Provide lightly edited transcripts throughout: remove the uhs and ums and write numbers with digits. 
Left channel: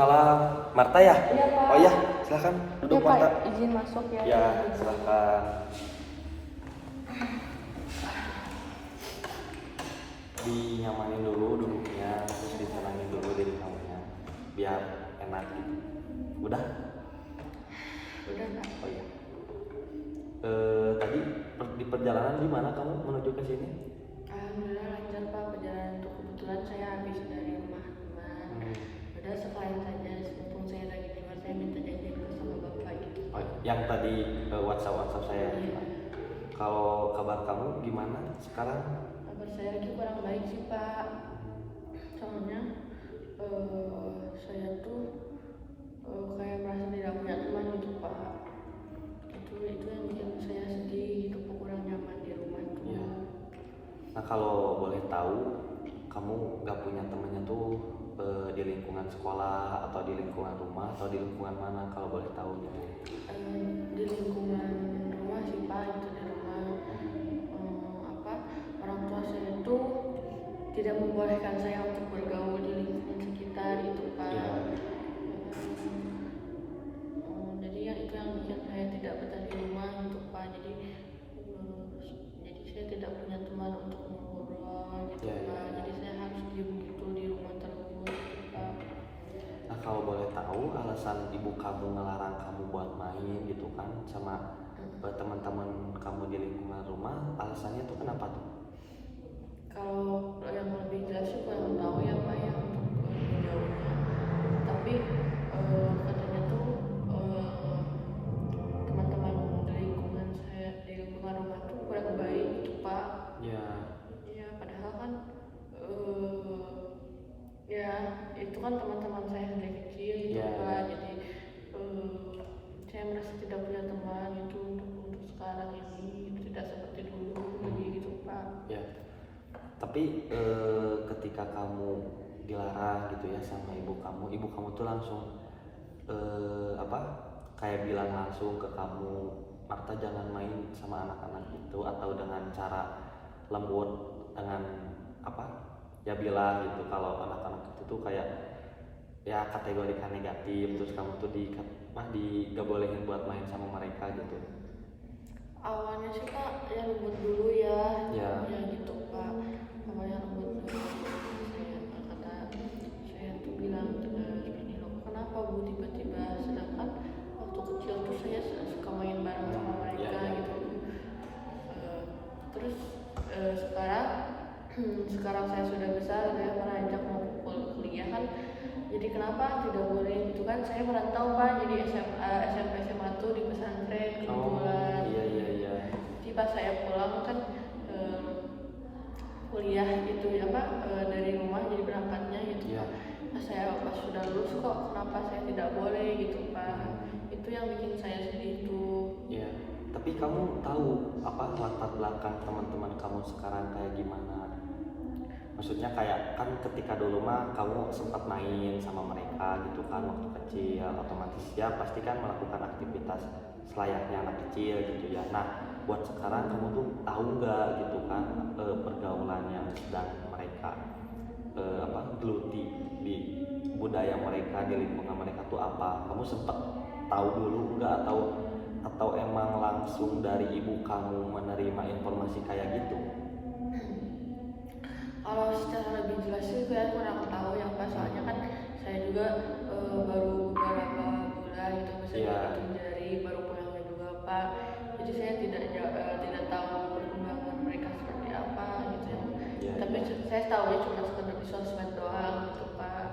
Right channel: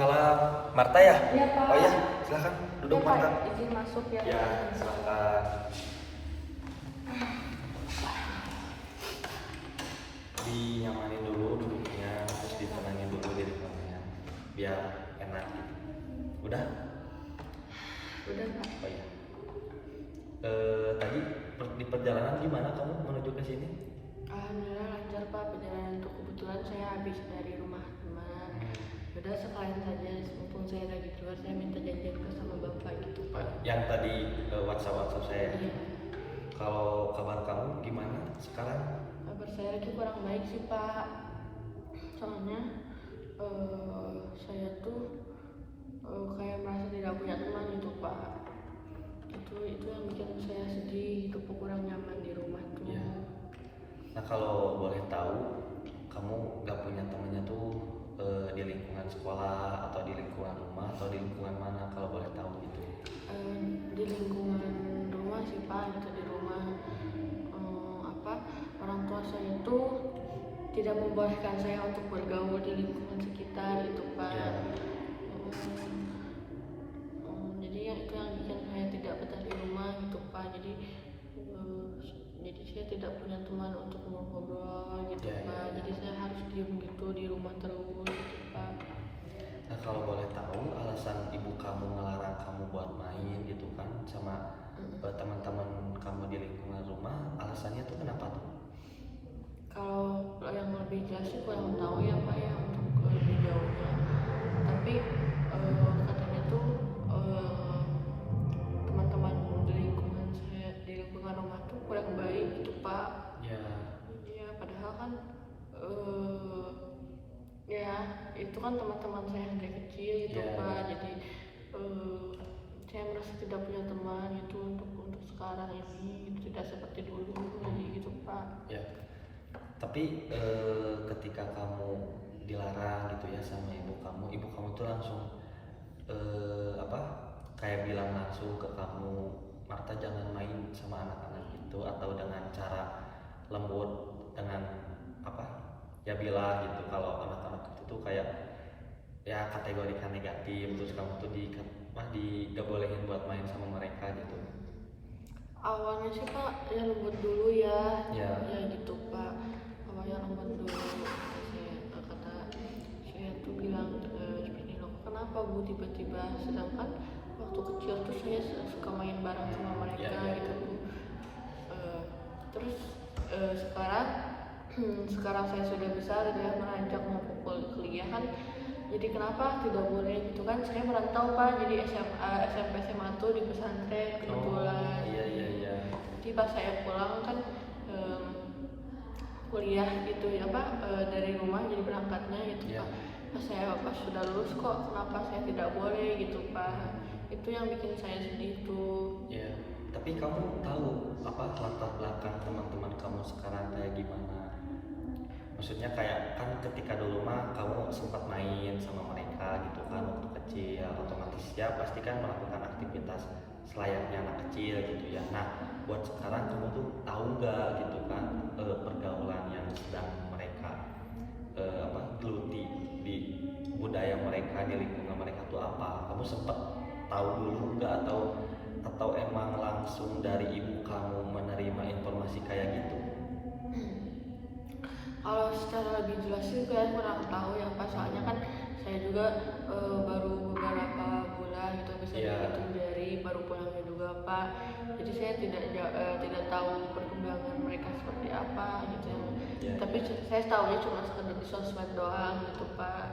Waalaikumsalam. Marta ya? Iya. Oh iya, silakan duduk Ya, Marta. Pak, izin masuk ya. Ya, silakan. Dinyamanin dulu duduknya, terus ditenangin dulu diri kamunya, biar enak gitu. Udah? Udah, Pak. Oh iya. Tadi di perjalanan gimana kamu menuju ke sini? Alhamdulillah lancar, Pak, perjalanan itu. Kebetulan saya habis dari rumah teman. Udah sekalian saja, mumpung saya lagi keluar, saya minta janjian ke sama Bapak gitu, Pak. Yang tadi WhatsApp saya. Iya. Kalau kabar kamu gimana sekarang? Kabar saya lagi kurang baik sih, Pak. Soalnya saya tuh kayak merasa tidak punya teman gitu, Pak. Itu yang bikin saya sedih, kurang nyaman di rumah tuh. Ya. Nah kalau boleh tahu, kamu gak punya temannya tuh di lingkungan sekolah atau di lingkungan rumah atau di lingkungan mana kalau boleh tahu gitu? Di lingkungan rumah sih, Pak, itu di rumah. Orang tua saya itu tidak membolehkan saya untuk bergaul di lingkungan sekitar itu, Pak. Ya. Jadi itu yang bikin saya tidak betah di rumah gitu, Pak. Jadi saya tidak punya teman untuk ngobrol gitu, Ya, Pak. ya. Jadi saya harus diem gitu di rumah terus gitu, Pak. Nah kalau boleh tahu alasan ibu kamu ngelarang kamu buat main gitu kan sama teman-teman kamu di lingkungan rumah, alasannya tuh kenapa tuh? Kalau yang lebih jelas sih kurang tahu ya, Pak, ya, untuk lebih jauhnya. Tapi katanya tuh teman-teman di lingkungan saya, di lingkungan rumah tuh kurang baik gitu, Pak. Ya. Ya padahal kan ya itu kan teman-teman saya yang dari kecil gitu, Ya, Pak. ya. Jadi saya merasa tidak punya teman itu untuk sekarang ini, itu tidak seperti dulu lagi gitu, Pak. Ya. Tapi ketika kamu dilarang gitu ya sama ibu kamu tuh langsung kayak bilang langsung ke kamu, Marta jangan main sama anak-anak itu, atau dengan cara lembut dengan ya bilang gitu kalau anak-anak itu tuh kayak ya kategorikan negatif, terus kamu tuh gak bolehin buat main sama mereka gitu? Awalnya sih, Pak, ya lembut dulu ya. Ya. Ya gitu, Pak. Awalnya lembut dulu. Saya tuh bilang begini loh, kenapa Bu tiba-tiba, sedangkan waktu kecil tuh saya suka main bareng sama mereka Ya. gitu. Terus sekarang saya sudah besar, dia beranjak mau kuliah kan. Jadi kenapa tidak boleh gitu kan? Saya merantau, Pak. Jadi SMP SMA tuh di pesantren kebetulan. Iya. Jadi pas saya pulang kan kuliah gitu ya, Pak, dari rumah jadi berangkatnya gitu, Iya. Pak. Pas sudah lulus kok kenapa saya tidak boleh gitu, Pak. Itu yang bikin saya sedih tuh. Ya. Tapi kamu tahu latar belakang teman-teman kamu sekarang kayak gimana? Maksudnya kayak kan ketika dulu mah kamu sempat main sama mereka gitu kan waktu kecil, otomatis ya pasti kan melakukan aktivitas selayaknya anak kecil gitu ya. Nah buat sekarang kamu tuh tahu nggak gitu kan pergaulan yang sedang mereka geluti di budaya mereka, di lingkungan mereka tuh apa? Kamu sempet tahu dulu nggak, atau emang langsung dari ibu kamu menerima informasi kayak gitu? Kalau secara lebih jelas sih saya kurang tahu ya, Pak. Soalnya kan saya juga baru beberapa bulan gitu bisa dihitung jari, baru pulangnya juga, Pak. Jadi saya tidak tahu perkembangan mereka seperti apa gitu. Ya. Tapi saya tahu ya cuma sekedar di sosmed doang gitu, Pak.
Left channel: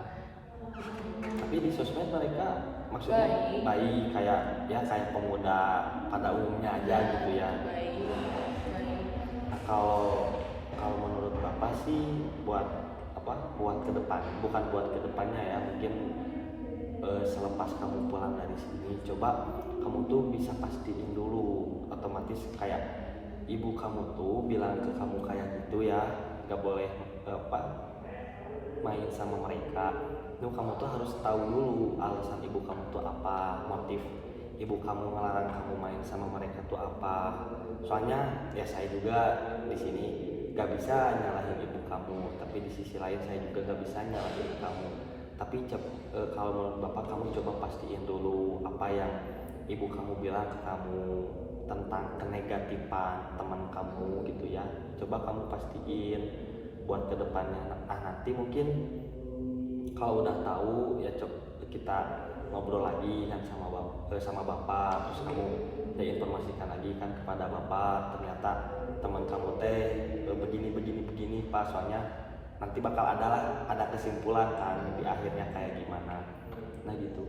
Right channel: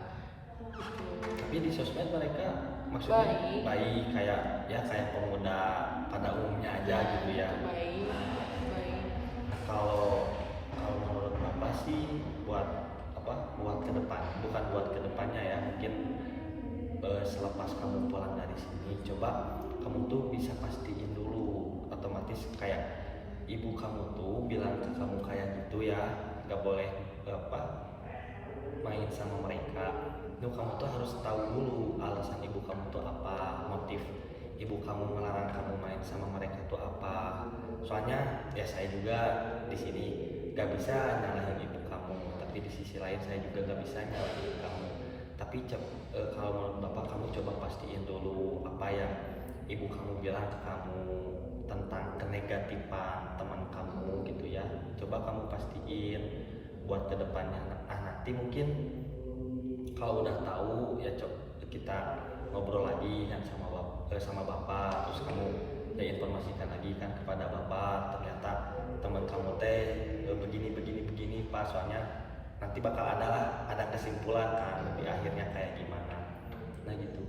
Tapi di sosmed mereka maksudnya baik kayak pemuda pada umumnya aja gitu ya. Baik. Nah, kalau menurut Bapak sih buat ke depan, bukan buat ke depannya ya, mungkin selepas kamu pulang dari sini coba kamu tuh bisa pastiin dulu, otomatis kayak ibu kamu tuh bilang ke kamu kayak gitu ya, gak boleh main sama mereka. Itu kamu tuh harus tahu dulu alasan ibu kamu tuh apa, motif ibu kamu ngelarang kamu main sama mereka tuh apa. Soalnya ya saya juga di sini gak bisa nyalahin ibu kamu, tapi di sisi lain saya juga gak bisa nyalahin ibu kamu. Kalau menurut Bapak, kamu coba pastiin dulu apa yang ibu kamu bilang ke kamu tentang kenegatifan teman kamu gitu ya. Coba kamu pastiin buat kedepannya. Nanti mungkin kalau udah tahu ya kita ngobrol lagi kan sama bapak, terus kamu informasikan lagi kan kepada bapak, ternyata teman kamu teh begini Pak, soalnya nanti bakal ada kesimpulan kan di akhirnya kayak gimana. Nah gitu.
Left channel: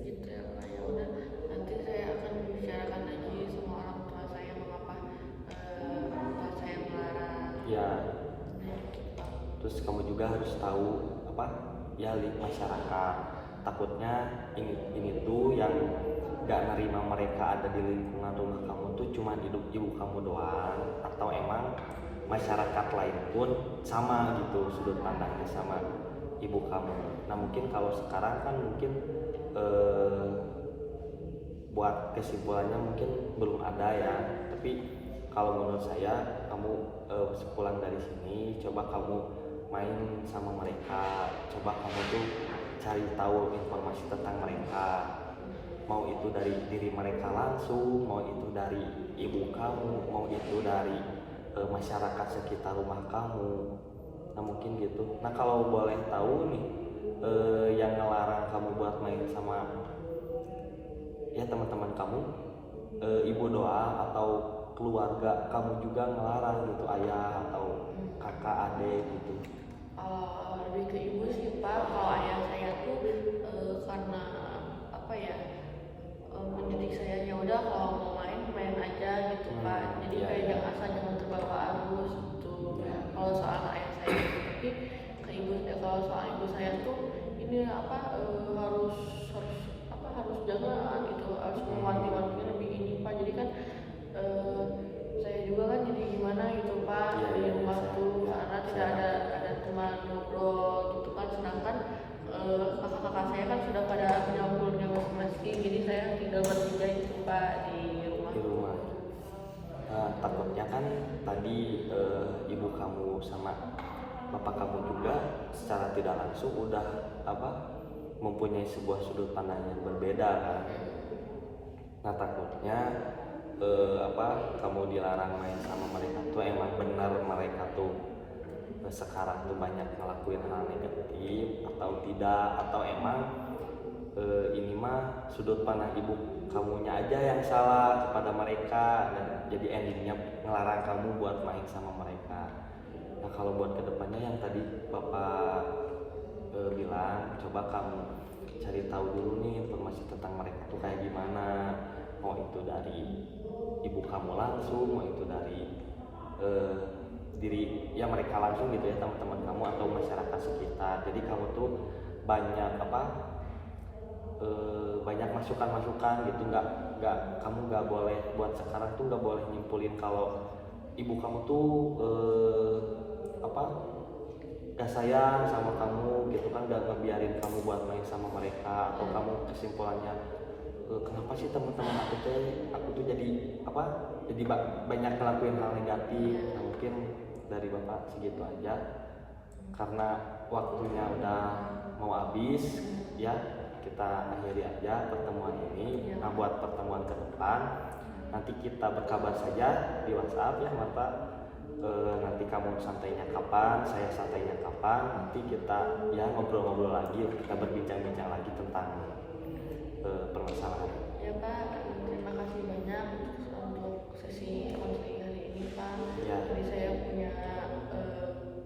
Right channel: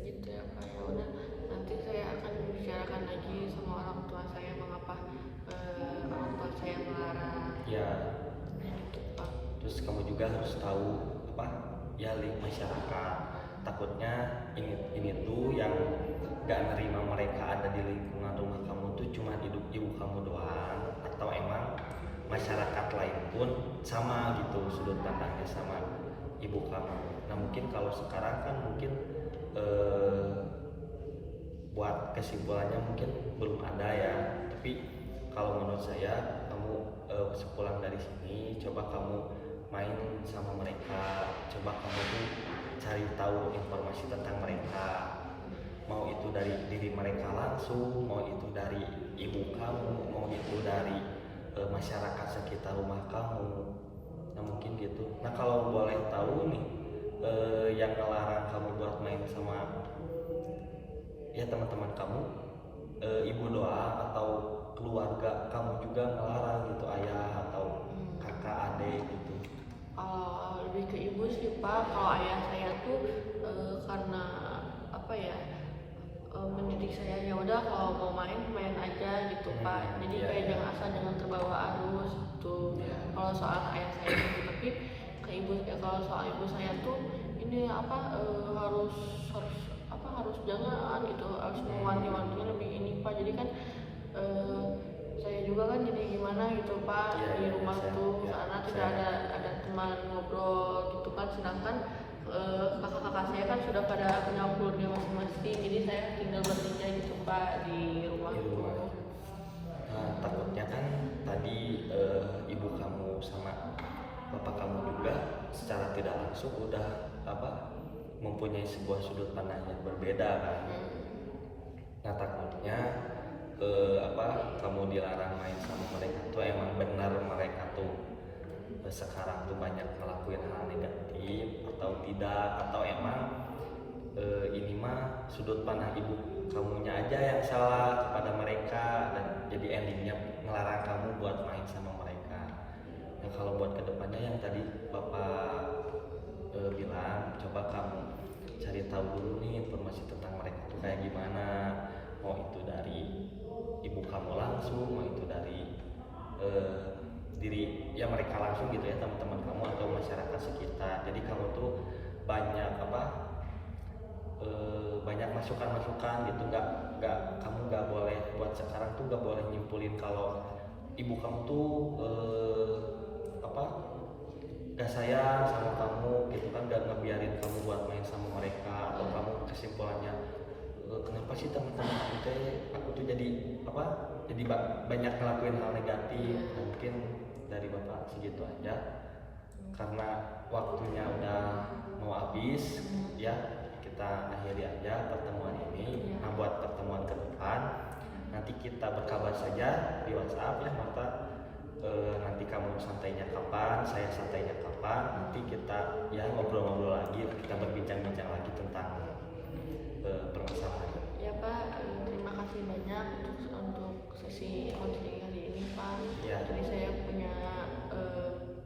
Gitu ya Pak, ya udah nanti saya akan bicarakan lagi sama orang tua saya mengapa orang tua saya melarang. Ya, Gitu Pak. terus kamu juga harus tahu apa ya masyarakat, takutnya ini tuh yang gak nerima mereka ada di lingkungan rumah kamu tuh cuma ibu kamu doang, atau emang masyarakat lain pun sama gitu sudut pandangnya sama ibu kamu. Nah mungkin kalau sekarang kan mungkin buat kesimpulannya mungkin belum ada ya, tapi kalau menurut saya kamu sepulang dari sini coba kamu main sama mereka, coba kamu tuh cari tahu informasi tentang mereka, mau itu dari diri mereka langsung, mau itu dari ibu kamu, mau itu dari masyarakat sekitar rumah kamu. Nah mungkin gitu. Nah kalau boleh tahu nih, yang ngelarang kamu buat main sama ya teman-teman kamu, ibu doang atau keluarga kamu juga ngelarang gitu, ayah atau kakak adik gitu? Lebih ke ibu sih Pak. Kalau ayah saya tuh karena apa ya, mendidik saya ya udah kalau mau main aja gitu Pak. Jadi kayak jangan asal jangan terbawa arus gitu. Kalau soal ayah saya gitu. Tapi ke ibu ya, kalau soal ibu saya tuh ini apa harus jangan gitu, harus mewanti-wanti lebih ini Pak. Jadi kan saya juga kan jadi gimana gitu Pak di rumah tuh karena tidak ada teman ngobrol gitu kan, sedangkan kakak-kakak saya kan sudah pada punya keluarga masing-masing, jadi saya tinggal bertiga gitu Pak di rumah. Nah, takutnya kan tadi ibu kamu sama bapak kamu juga secara tidak langsung udah mempunyai sebuah sudut pandang yang berbeda kan. Nah takutnya kamu dilarang main sama mereka tuh emang benar mereka tuh sekarang tuh banyak ngelakuin hal negatif atau tidak, atau emang ini mah sudut pandang ibu kamunya aja yang salah kepada mereka dan jadi endingnya ngelarang kamu buat main sama mereka. Nah kalau buat kedepannya yang tadi bapak bilang, coba kamu cari tahu dulu nih informasi tentang mereka tuh kayak gimana, mau itu dari ibu kamu langsung, mau itu dari diri ya mereka langsung gitu ya, teman-teman kamu atau masyarakat sekitar. Jadi kamu tuh banyak banyak masukan-masukan gitu, kamu nggak boleh buat sekarang tuh nggak boleh nyimpulin kalau ibu kamu tuh gak sayang sama kamu gitu kan, gak ngebiarin kamu buat main sama mereka, atau kamu kesimpulannya kenapa sih teman-teman aku tuh jadi banyak ngelakuin hal negatif. Nah, mungkin dari bapak segitu aja karena waktunya udah mau habis ya, kita akhiri aja pertemuan ini. Nah buat pertemuan ke depan nanti kita berkabar saja di WhatsApp ya Marta. Nanti kamu santainya kapan, saya santainya kapan, nanti kita ya ngobrol-ngobrol lagi, kita berbincang-bincang lagi tentang permasalahan. Ya Pak, terima kasih banyak untuk sesi konseling kali ini Pak. Ya. Jadi saya punya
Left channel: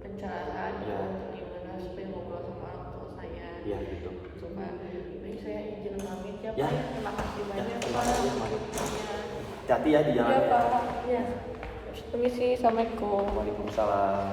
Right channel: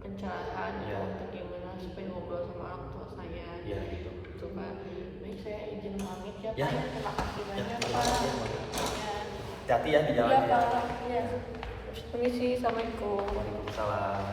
pencerahan Ya. untuk gimana supaya ngobrol sama orang tua saya. Ya gitu. Gitu Pak. Baik, saya izin pamit ya Pak. Ya. Terima kasih banyak terima Pak. kasih, Pak. Ya. Hati-hati ya di jalan. Iya Pak. Ya. Permisi, assalamualaikum. Waalaikumsalam.